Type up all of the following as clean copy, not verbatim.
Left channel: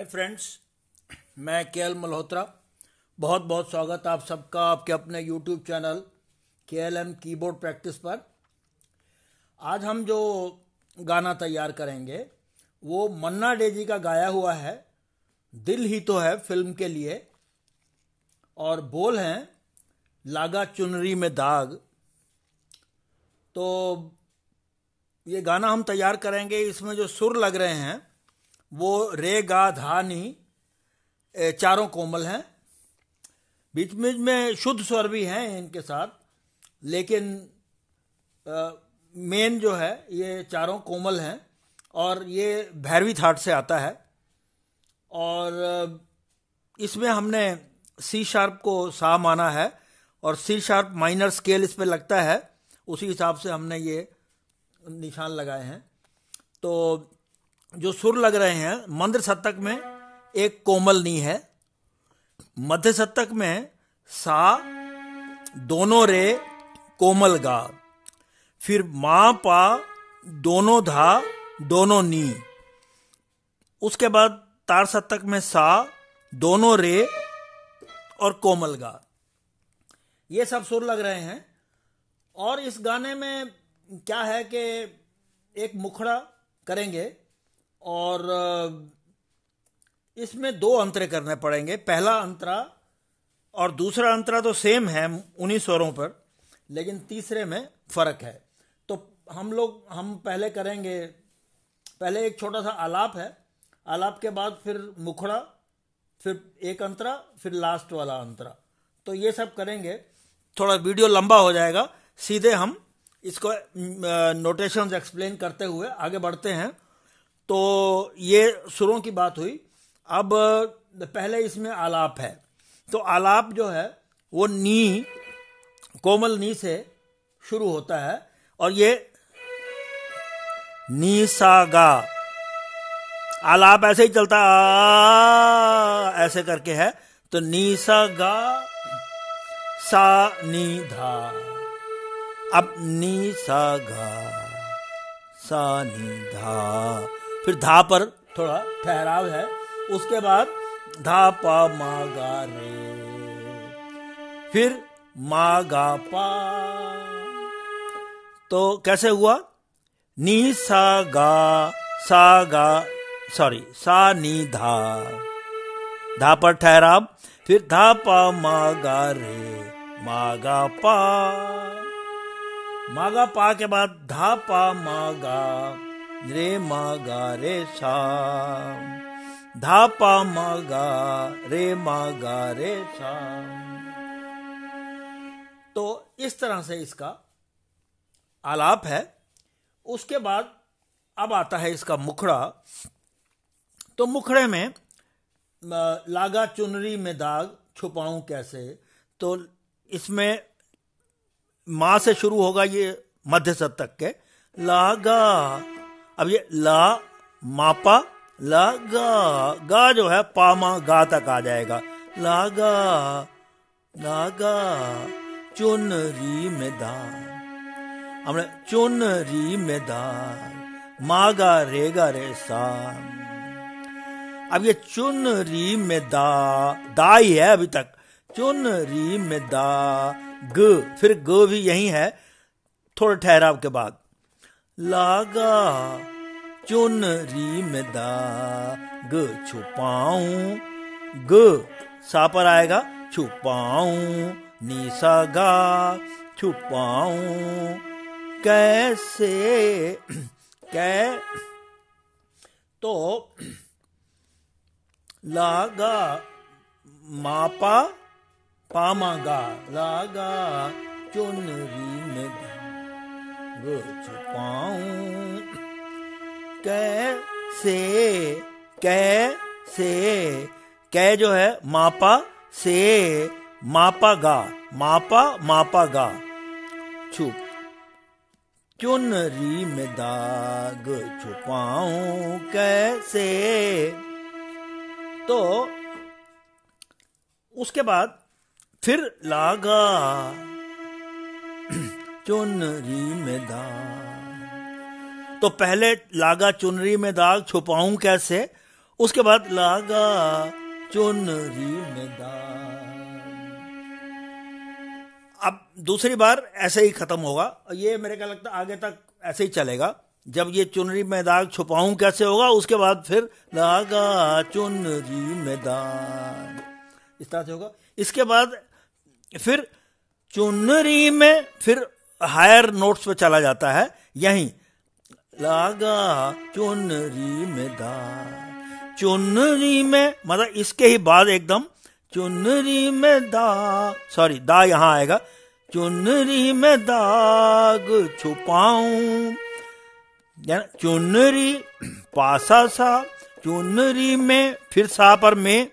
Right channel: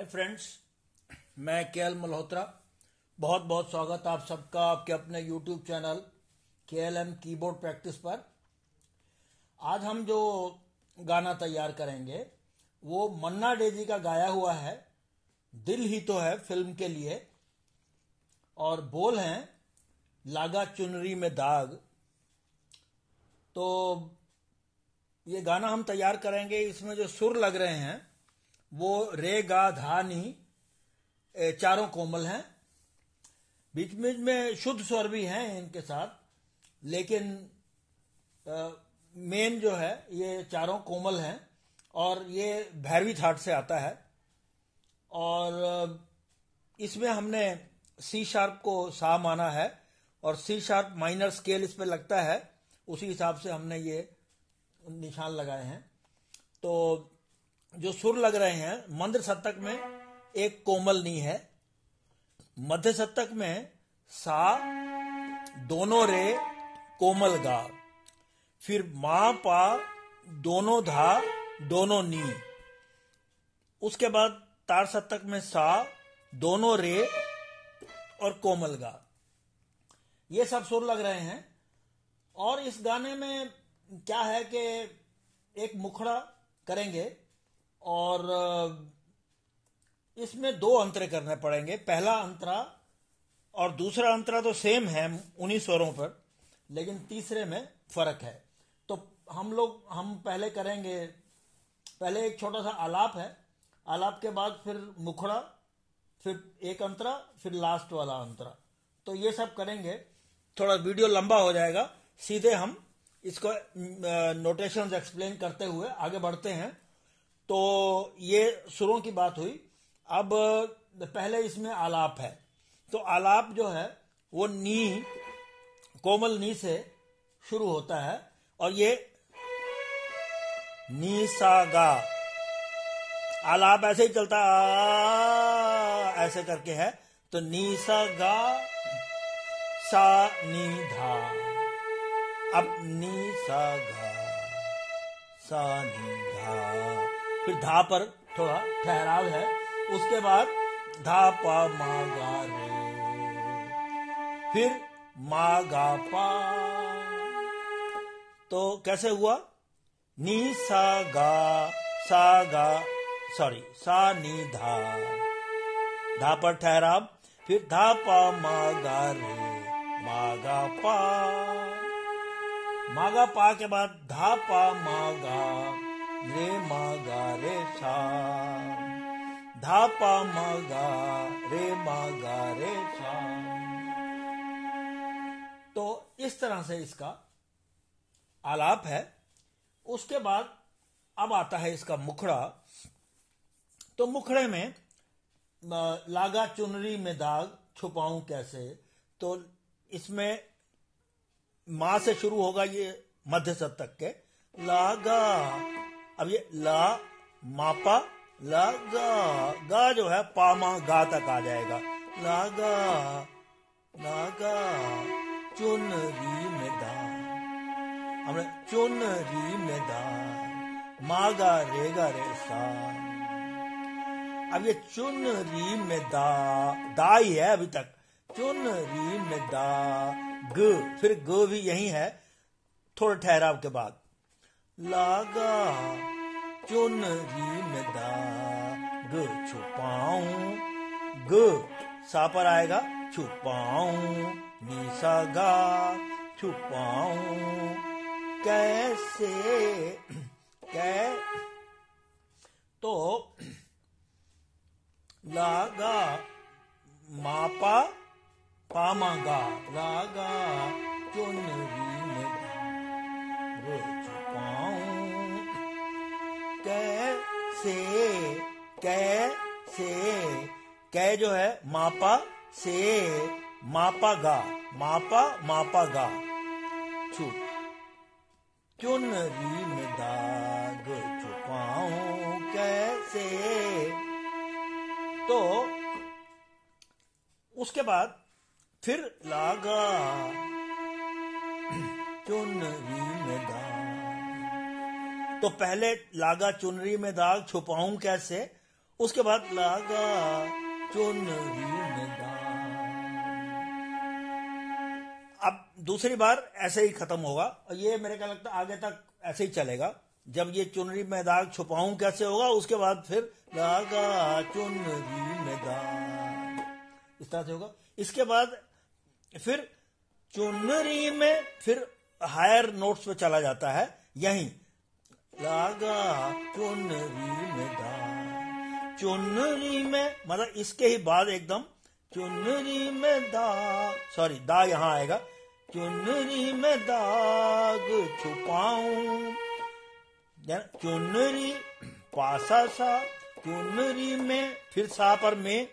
Hi friends, मैं KL Malhotra. बहुत बहुत स्वागत आप सबका आपके अपने YouTube channel KLM keyboard practice पर। आज हम जो गाना तैयार करेंगे वो मन्ना डे जी का गाया हुआ है, दिल ही तो है फिल्म के लिए, और बोल हैं लागा चुनरी में दाग। तो ये गाना हम तैयार करेंगे, इसमें जो सुर लग रहे हैं वो रे गा धा नी चारों कोमल हैं। बीच बीच में शुद्ध स्वर भी हैं इनके साथ, लेकिन मेन जो है ये चारों कोमल हैं और ये भैरवी थाट से आता है। और इसमें हमने सी शार्प को सा माना है और सी शार्प माइनर स्केल इस पे लगता है, उसी हिसाब से हमने ये निशान लगाए हैं। तो जो सुर लग रहे हैं, मंद्र शतक में एक कोमल नी है, मध्य शतक में सा, दोनों रे कोमल गा, फिर मा पा, दोनों धा, दोनों नी, उसके बाद तार शतक में सा, दोनों रे और कोमल गा। ये सब सुर लग रहे हैं। और इस गाने में क्या है कि एक मुखड़ा करेंगे और इसमें दो अंतरे करने पड़ेंगे। पहला अंतरा और दूसरा अंतरा तो सेम है उन्हीं स्वरों पर, लेकिन तीसरे में फर्क है। तो हम पहले करेंगे, पहले एक छोटा सा आलाप है, आलाप के बाद फिर मुखड़ा, फिर एक अंतरा, फिर लास्ट वाला अंतरा। तो ये सब करेंगे। थोड़ा वीडियो लंबा हो जाएगा, सीधे हम इसको नोटेशंस एक्सप्लेन करते हुए आगे बढ़ते हैं। तो ये सुरों की बात हुई। अब पहले इसमें आलाप है, तो आलाप जो है वो नी, कोमल नी से शुरू होता है और ये नी सा गा। आलाप ऐसे ही चलता ऐसे करके है, तो नी सा गा सा नी धा। अब नी सा गा सा नी धा, फिर धा पर थोड़ा ठहराव है, उसके बाद धा पा मा गा रे, फिर मा गा पा। तो कैसे हुआ? नी सा गा सा नी धा, धा पर ठहराव, फिर धा पा मा गा रे, मा गा पा, मा गा पा के बाद धा पा मा गा रे, मा गा रे सा, धा पा मा गा रे, मा गा रे सा। तो इस तरह से इसका आलाप है। उसके बाद अब आता है इसका मुखड़ा। तो मुखड़े में लागा चुनरी में दाग छुपाऊं कैसे, तो इसमें मां से शुरू होगा, ये मध्य शतक के लागा। अब ये ला मापा लागा, गा जो है पामा गा तक आ जाएगा। लागा लागा चुनरी में दाग, हमने चुनरी में दाग, मागा रेगा रे सा। अब ये चुनरी में दा ही है अभी तक, चुनरी में दा ग, फिर ग भी यही है थोड़े ठहराव के बाद। लागा चुनरी में दाग छुपाऊं, ग सा पर आएगा, छुपाऊं निसा गा, छुपाऊं कैसे कै। तो लागा मापा पामा गा, लागा चुनरी में दाग छुपाऊं कैसे, कैसे, कै जो है मापा से, मापा गा, मापा मापा गा, छुप चुनरी में दाग छुपाऊं कैसे। तो उसके बाद फिर लागा चुनरी में दाग। तो पहले लागा चुनरी में दाग छुपाऊं कैसे, उसके बाद लागा चुनरी में दाग। अब दूसरी बार ऐसे ही खत्म होगा, ये मेरे को लगता है आगे तक ऐसे ही चलेगा। जब ये चुनरी में दाग छुपाऊं कैसे होगा, उसके बाद फिर लागा चुनरी में दाग, इस तरह से होगा। इसके बाद फिर चुनरी में फिर हायर नोट्स पे चला जाता है, यहीं लागा चुनरी में दाग, चुनरी में मतलब इसके ही बाद एकदम चुनरी में दाग, सॉरी दा यहां आएगा, चुनरी में दाग छुपाऊं, चुनरी पासा सा, चुनरी में फिर सा पर में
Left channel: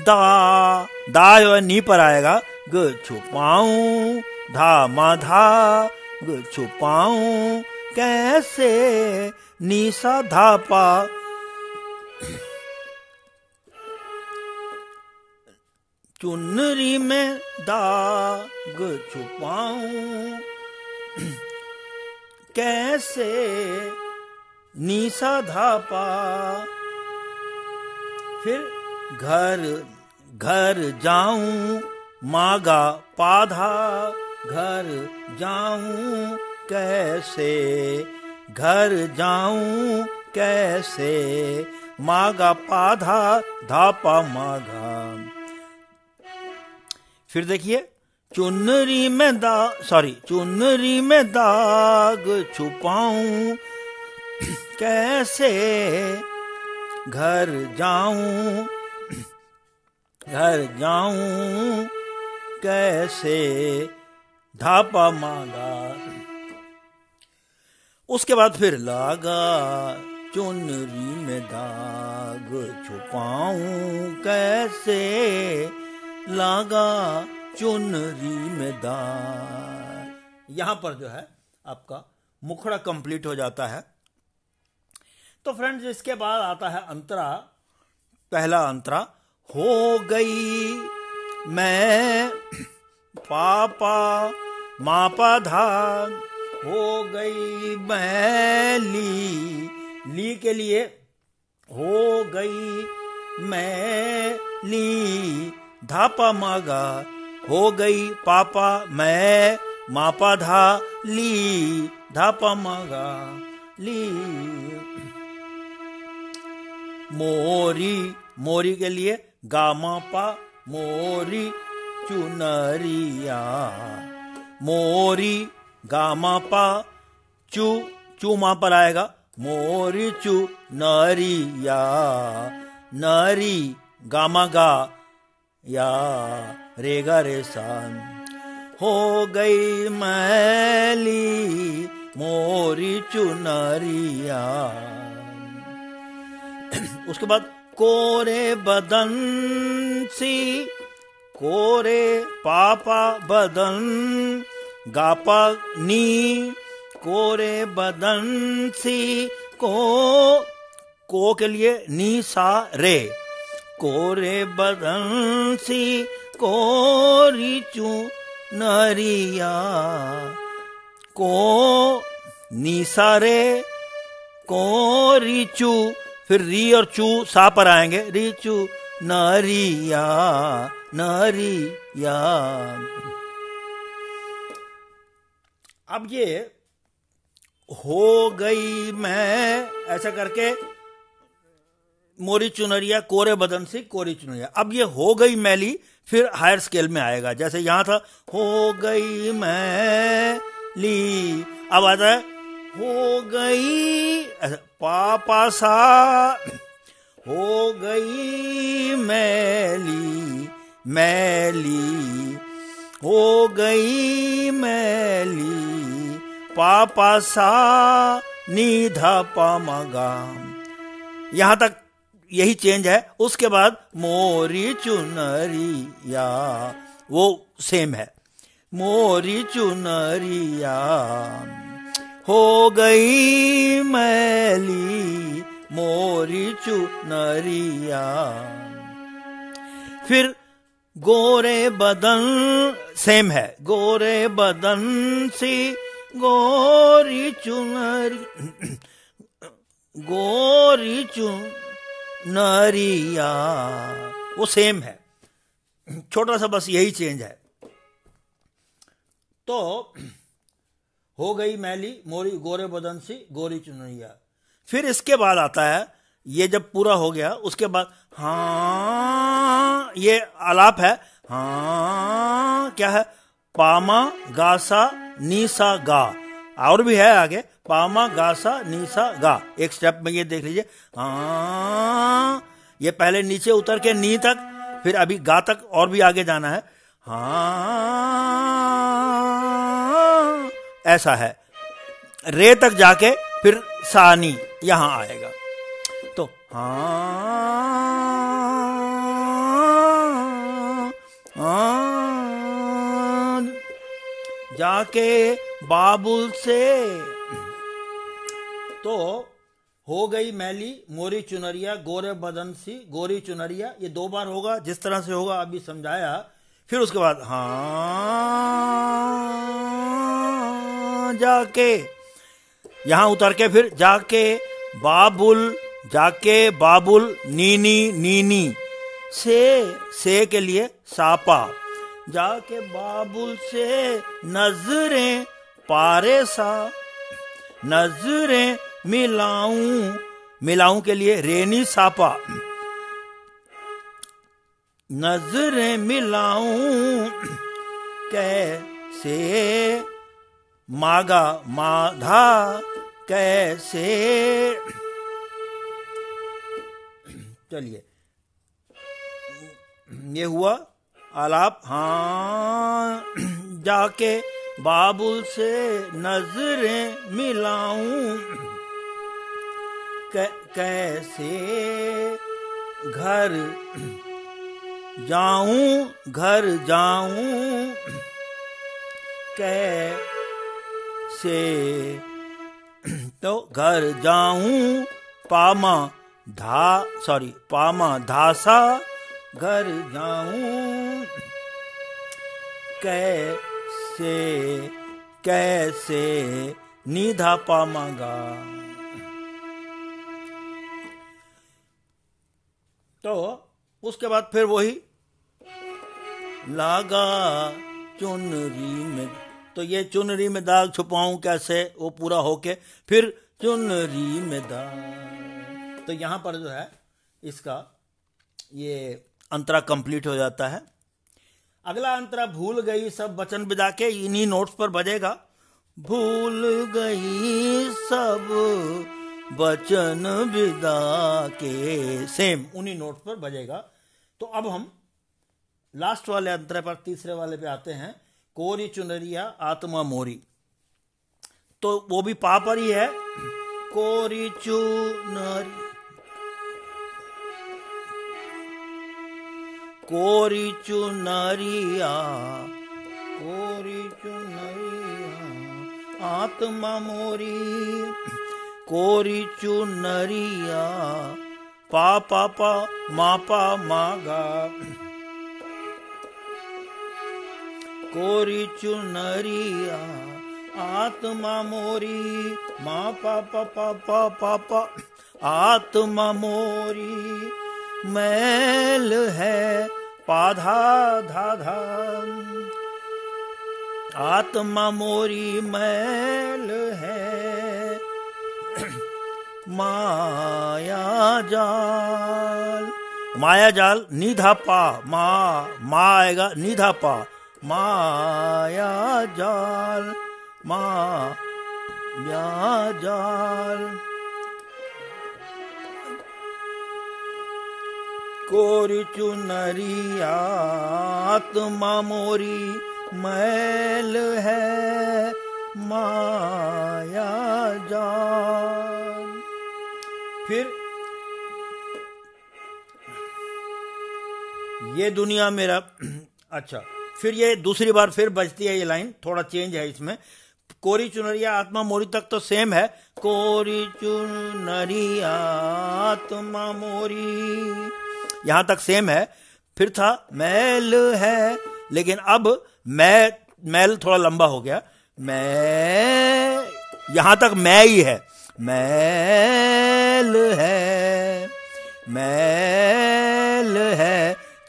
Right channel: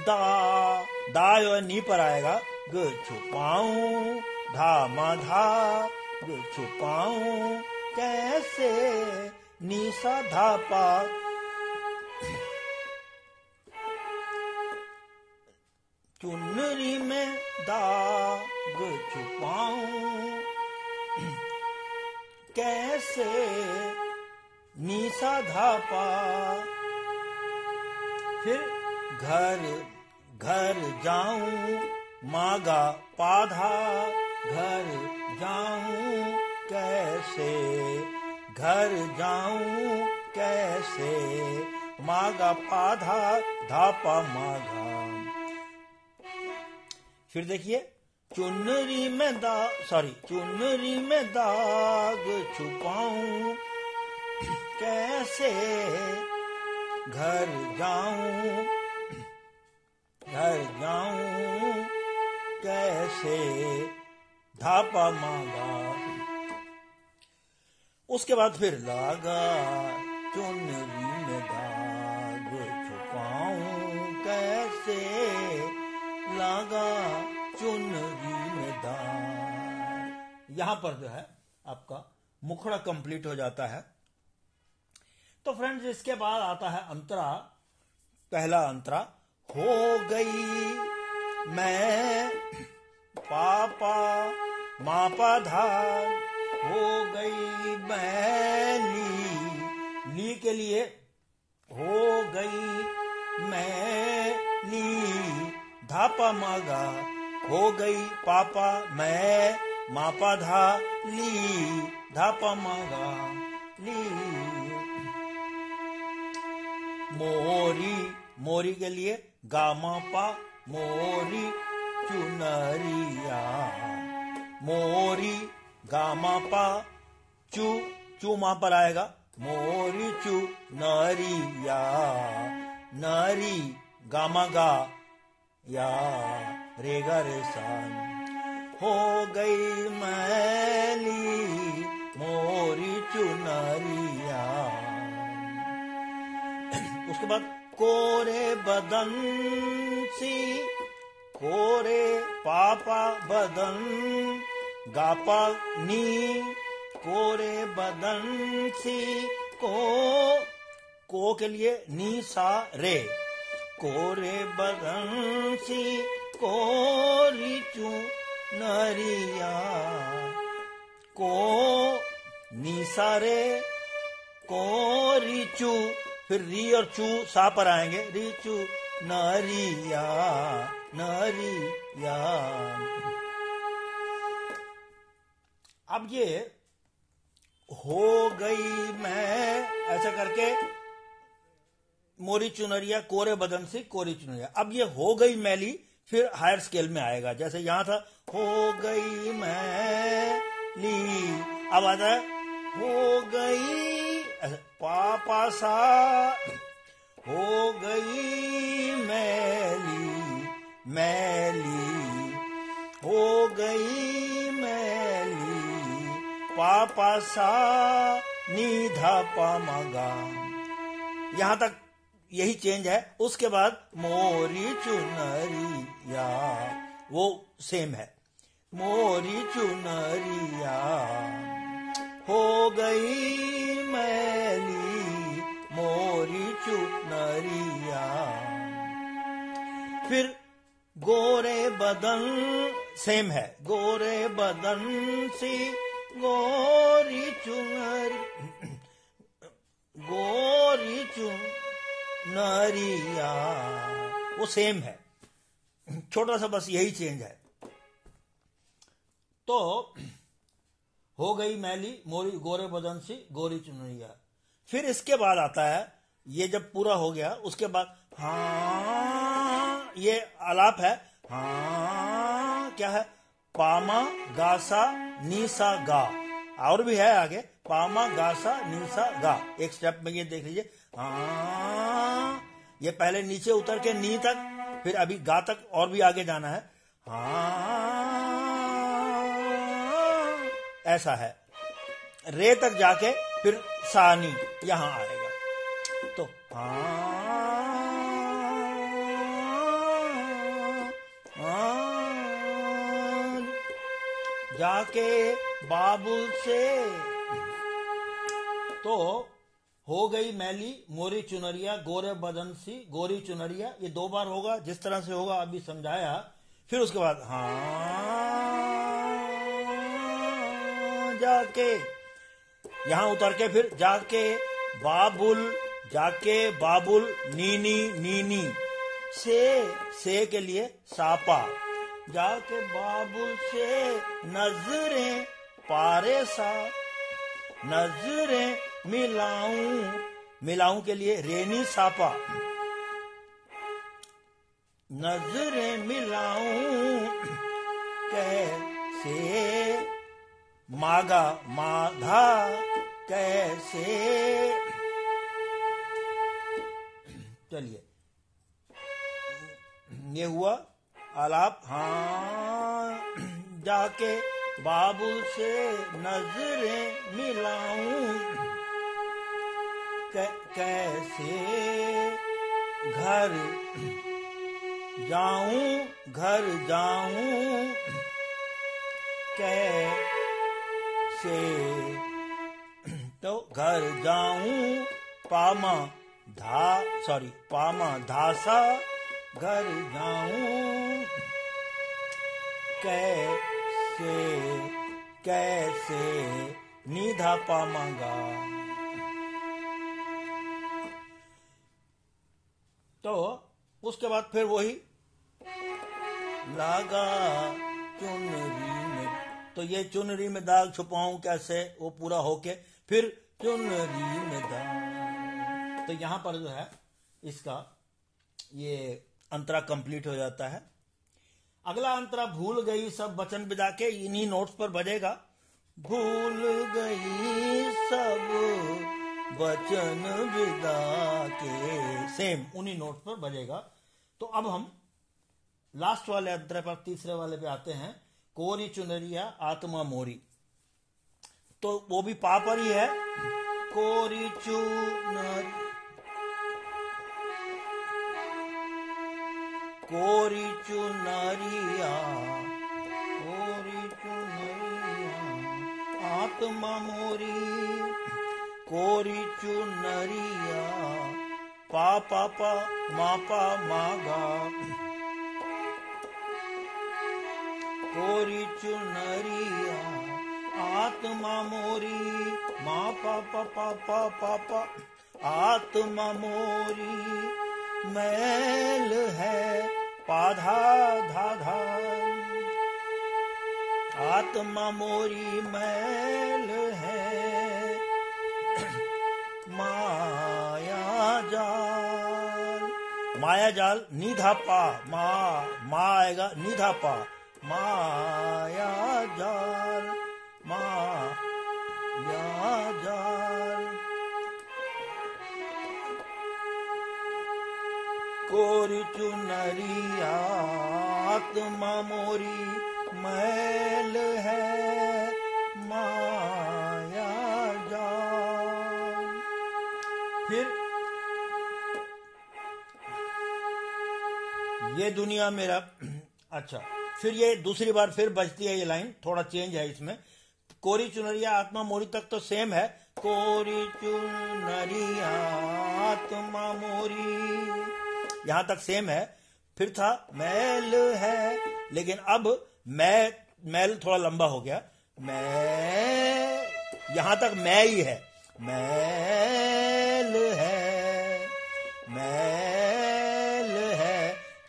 दा जो है नी पर आएगा, ग छुपाऊं, धा मा धा, ग छुपाऊं कैसे, नी सा धा पा, चुनरी में दाग छुपाऊं कैसे, नी सा धा पा। फिर घर घर जाऊं, मागा पाधा, घर जाऊं कैसे, घर जाऊं कैसे, मागा पाधा, धापा मागा। फिर देखिए चुनरी में चुनरी में दाग छुपाऊं कैसे, घर जाऊं कैसे, धापा मांगा। उसके बाद फिर लागा चुनरी में दाग छुपाऊं कैसे, लागा चुनरी में दाग। यहां पर जो है आपका मुखड़ा कंप्लीट हो जाता है। तो फ्रेंड्स इसके बाद आता है अंतरा। पहला अंतरा, हो गई मैं पापा मापा धा, हो गई मैं ली के लिए हो गई मैं ली, धापा मागा, हो गई पापा मैं मापा धा ली, धापा मागा ली। मोरी के लिए गामा पा, मोरी चुनरिया, मोरी गामा पा, चू मां पर आएगा, मोरी चू नरिया, नरी गामा गा या रेगा रे सान, हो गई मैली मोरी चुनरिया। उसके बाद कोरे बदन सी, कोरे पापा बदन गापा नी, कोरे बदन सी को के लिए नी सा रे, कोरे बदन सी कोरी चू नरिया, को नी सा रे कोरी चू, फिर री और चू सा पर आएंगे, री चू नरिया नरिया। अब ये हो गई मैं ऐसा करके मोरी चुनरिया, कोरे बदन से कोरी चुनरिया। अब ये हो गई मैली फिर हायर स्केल में आएगा, जैसे यहां था हो गई मैली, अब आता है हो गई पापा सा, हो गई मैली मैली, हो गई मैली पापा सा नीधा पामगा। यहां तक यही चेंज है। उसके बाद मोरी चुनरिया वो सेम है, मोरी चुनरिया हो गई मैली मोरी चुनरिया। फिर गोरे बदन सेम है, गोरे बदन सी गोरी चुनरी, गोरी चुनरिया, वो सेम है, छोटा सा बस यही चेंज है। तो हो गई मैली मोरी गोरे बदन सी गोरी चुनरिया। फिर इसके बाद आता है, ये जब पूरा हो गया उसके बाद हाँ, ये आलाप है। हाँ क्या है, पामा गासा नीसा गा, और भी है आगे, पामा गासा नीसा गा। एक स्टेप में ये देख लीजिए, हाँ, ये पहले नीचे उतर के नी तक, फिर अभी गा तक और भी आगे जाना है। हाँ, ऐसा है, रे तक जाके फिर सानी यहां आएगा। तो जाके बाबुल से, तो हो गई मैली मोरी चुनरिया गोरे बदन सी गोरी चुनरिया। ये 2 बार होगा, जिस तरह से होगा अभी समझाया। फिर उसके बाद हाँ, जाके यहां उतर के फिर जाके बाबुल नीनी नीनी से के लिए सापा, जाके बाबुल से नजरें पारे सा, नजरें मिलाऊं के लिए रेनी सापा, नजरें मिलाऊं कैसे मागा माधा कैसे। चलिए, ये हुआ आलाप। हाँ, जाके बाबुल से नजरें मिलाऊं कैसे घर जाऊं कैसे, तो घर जाऊं पामा धासा, घर जाऊं कैसे निधा पामागा। तो उसके बाद फिर वही लागा चुनरी में, तो ये चुनरी में दाग छुपाऊं कैसे, वो पूरा होके फिर चुनरी में दाग। तो यहां पर जो है इसका ये अंतरा कंप्लीट हो जाता है। अगला अंतरा भूल गई सब वचन बिदा के, इन्हीं नोट्स पर बजेगा। भूल गई सब वचन विदा के, सेम उन्हीं नोट्स पर बजेगा। तो अब हम लास्ट वाले अंतरे पर, तीसरे वाले पे आते हैं। कोरी चुनरिया आत्मा मोरी, तो वो भी पा पर ही है। कोरी चुनरिया आत्मा मोरी, कोरी चुनरिया पा पा पा मा पा मागा, कोरी चुनरिया आत्मा मोरी मा पा पा पा पा पा पा, आत्मा मोरी मैल है पाधा धा धा, आत्मा मोरी मैल है माया जाल निधा पा, मा आएगा निधा पा, माया जाल कोरी चुनरिया आत्मा मोरी मैल है माया जाल। फिर ये दुनिया मेरा, अच्छा, फिर ये दूसरी बार फिर बजती है ये लाइन, थोड़ा चेंज है इसमें। कोरी चुनरिया आत्मा मोरी तक तो सेम है, कोरी चुनरिया आत्मा मोरी यहां तक सेम है। फिर था मैल है, लेकिन अब मैल थोड़ा लंबा हो गया, मैं यहां तक मैं ही है, मैं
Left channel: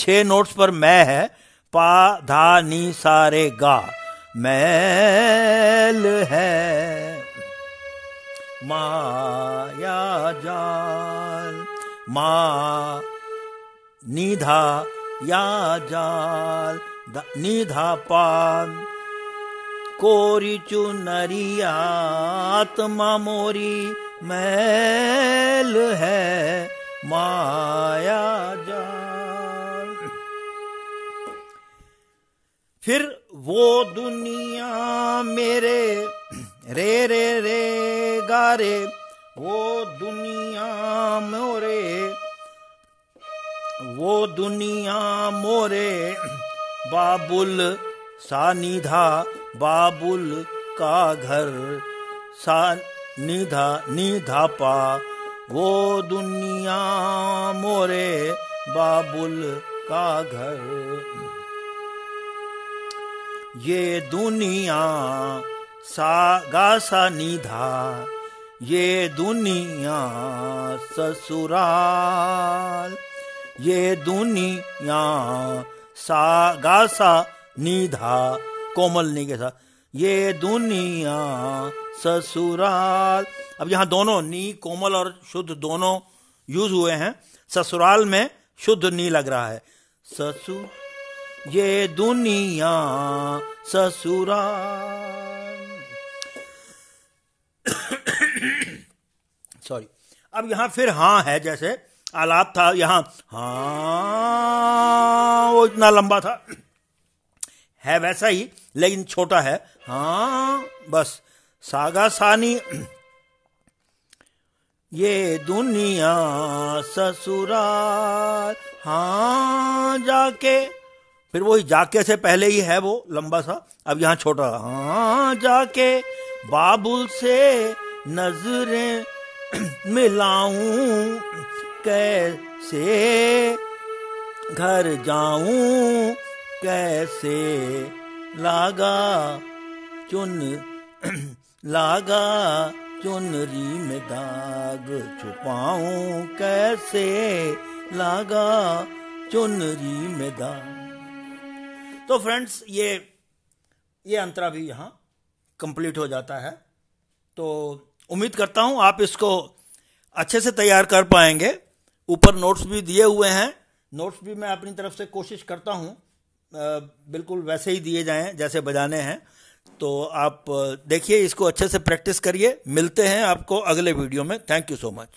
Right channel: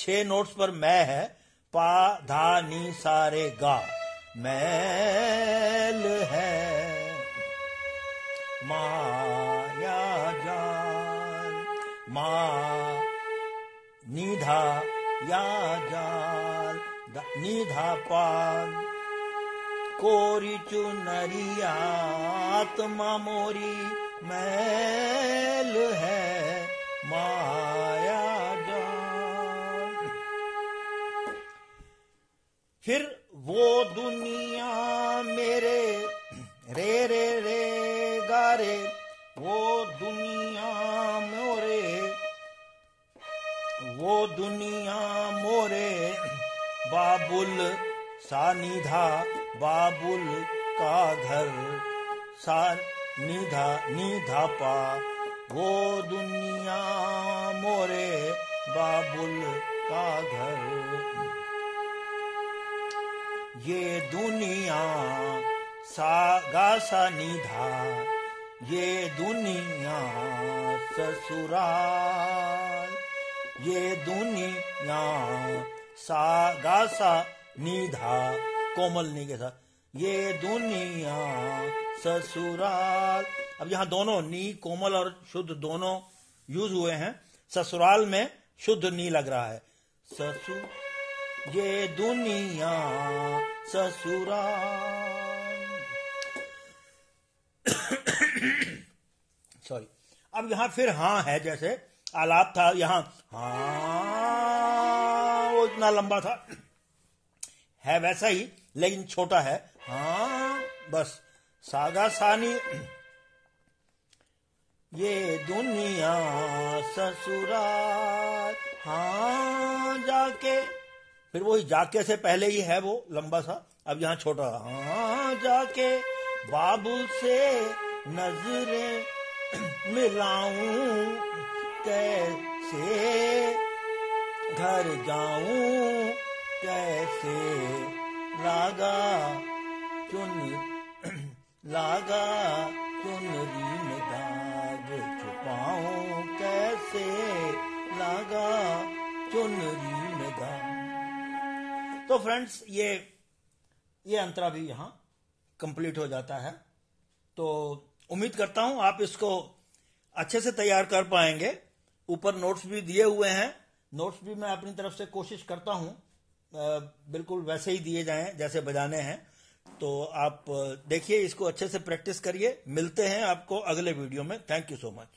6 नोट्स पर मैं है, पा धा नी सा रे गा, मैल है माया जाल, मा निधा या जाल, निधा पान, कोरी चुनरिया आत्मा मोरी, मैल है माया जाल। फिर वो दुनिया मेरे रे रे रे गा रे, वो दुनिया मोरे, वो दुनिया मोरे, बाबुल सा निधा, बाबुल का घर, सा निधा निधा पा, वो दुनिया मोरे, बाबुल का घर। ये दुनिया सा गा सा निधा, ये दुनिया ससुराल, ये दुनिया सा गा सा निधा, कोमल नी के साथ, ये दुनिया ससुराल। अब यहाँ दोनों नी कोमल और शुद्ध दोनों यूज हुए हैं। ससुराल में शुद्ध नी लग रहा है। ये दुनिया ससुराल। सॉरी। अब यहाँ फिर हाँ है, जैसे आलाप था यहाँ हाँ, वो इतना लंबा था, है वैसा ही लेकिन छोटा है। हाँ बस सागा सानी, ये दुनिया ससुराल, हाँ जाके, फिर वही जाके से पहले ही है वो लंबा सा, अब यहाँ छोटा। हाँ जाके बाबुल से नजरें मिलाऊं, कैसे घर जाऊं, कैसे लागा चुनरी में दाग छुपाऊं, कैसे लागा चुनरी में दाग। तो फ्रेंड्स ये अंतरा भी यहाँ कंप्लीट हो जाता है। तो उम्मीद करता हूँ आप इसको अच्छे से तैयार कर पाएंगे। ऊपर नोट्स भी दिए हुए हैं, नोट्स भी मैं अपनी तरफ से कोशिश करता हूँ बिल्कुल वैसे ही दिए जाएं जैसे बजाने हैं। तो आप देखिए, इसको अच्छे से प्रैक्टिस करिए। मिलते हैं आपको अगले वीडियो में। Thank you so much.